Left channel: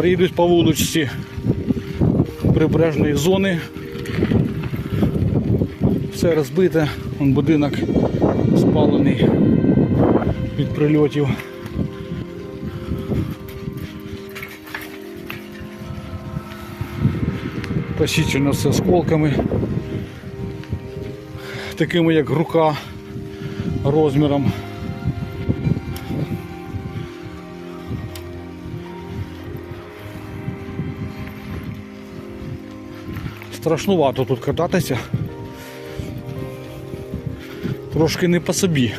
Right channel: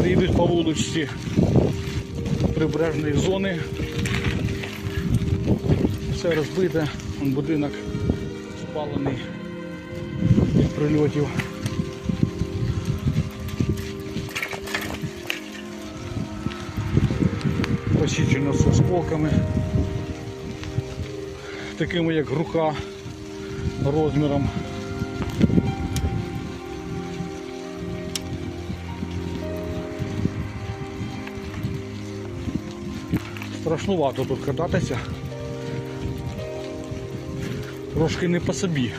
Приїдуть по вуличці прибережної зони. Все розбите, будинок спалений від прильотів. Посічено з осколками, такими як рука розміром. Страшнувато тут кататися. Трошки не по собі.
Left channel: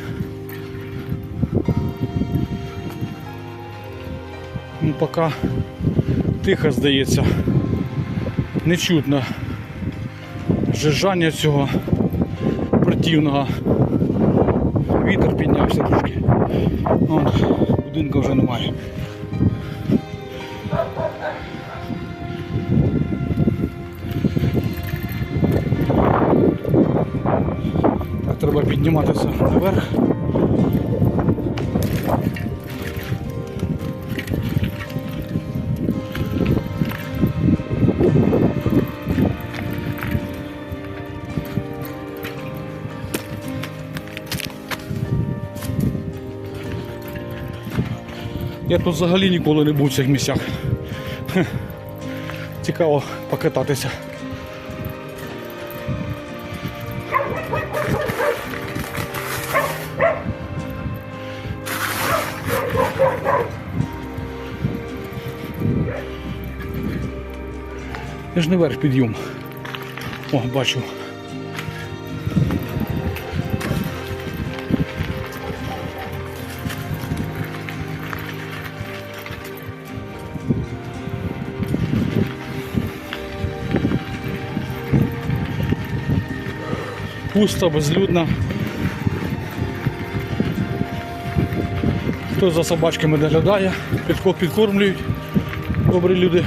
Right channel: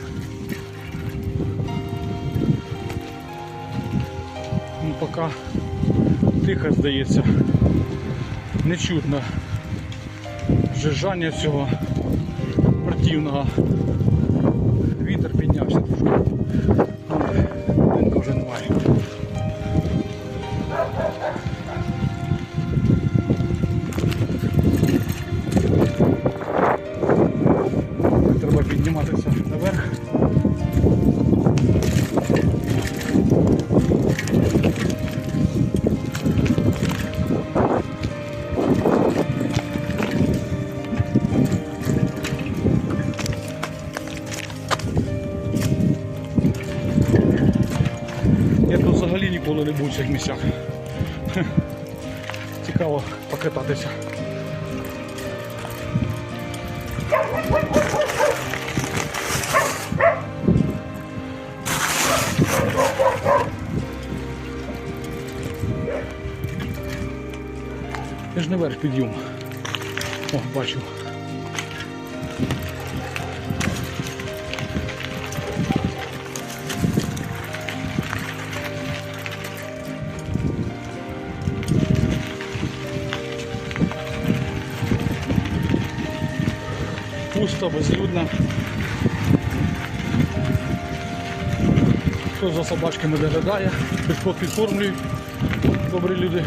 Ну, поки тихо здається. Не чутно жижання цього противного. Вітер піднявся трошки. Ну, будинку вже немає. Підніматися наверх. Я тут взагалі ніколи не був в цих місцях. Цікаво покататися. Я ж не верх підйом. О, бачу. Пусто, безлюдно. Хто за собачками доглядає, підко- підкормлюють добрі люди.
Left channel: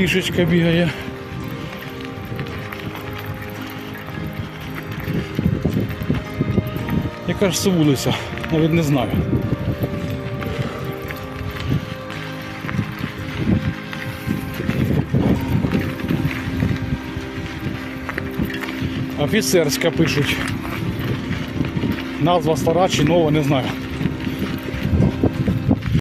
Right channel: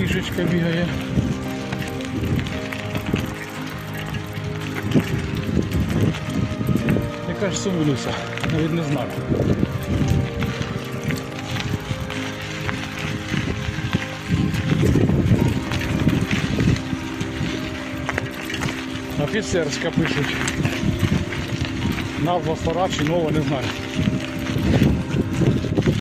Кішечка бігає. Яка ж це вулиця? Навіть не знаю. Офіцерська пишуть. Назва стара чи нова, не знаю.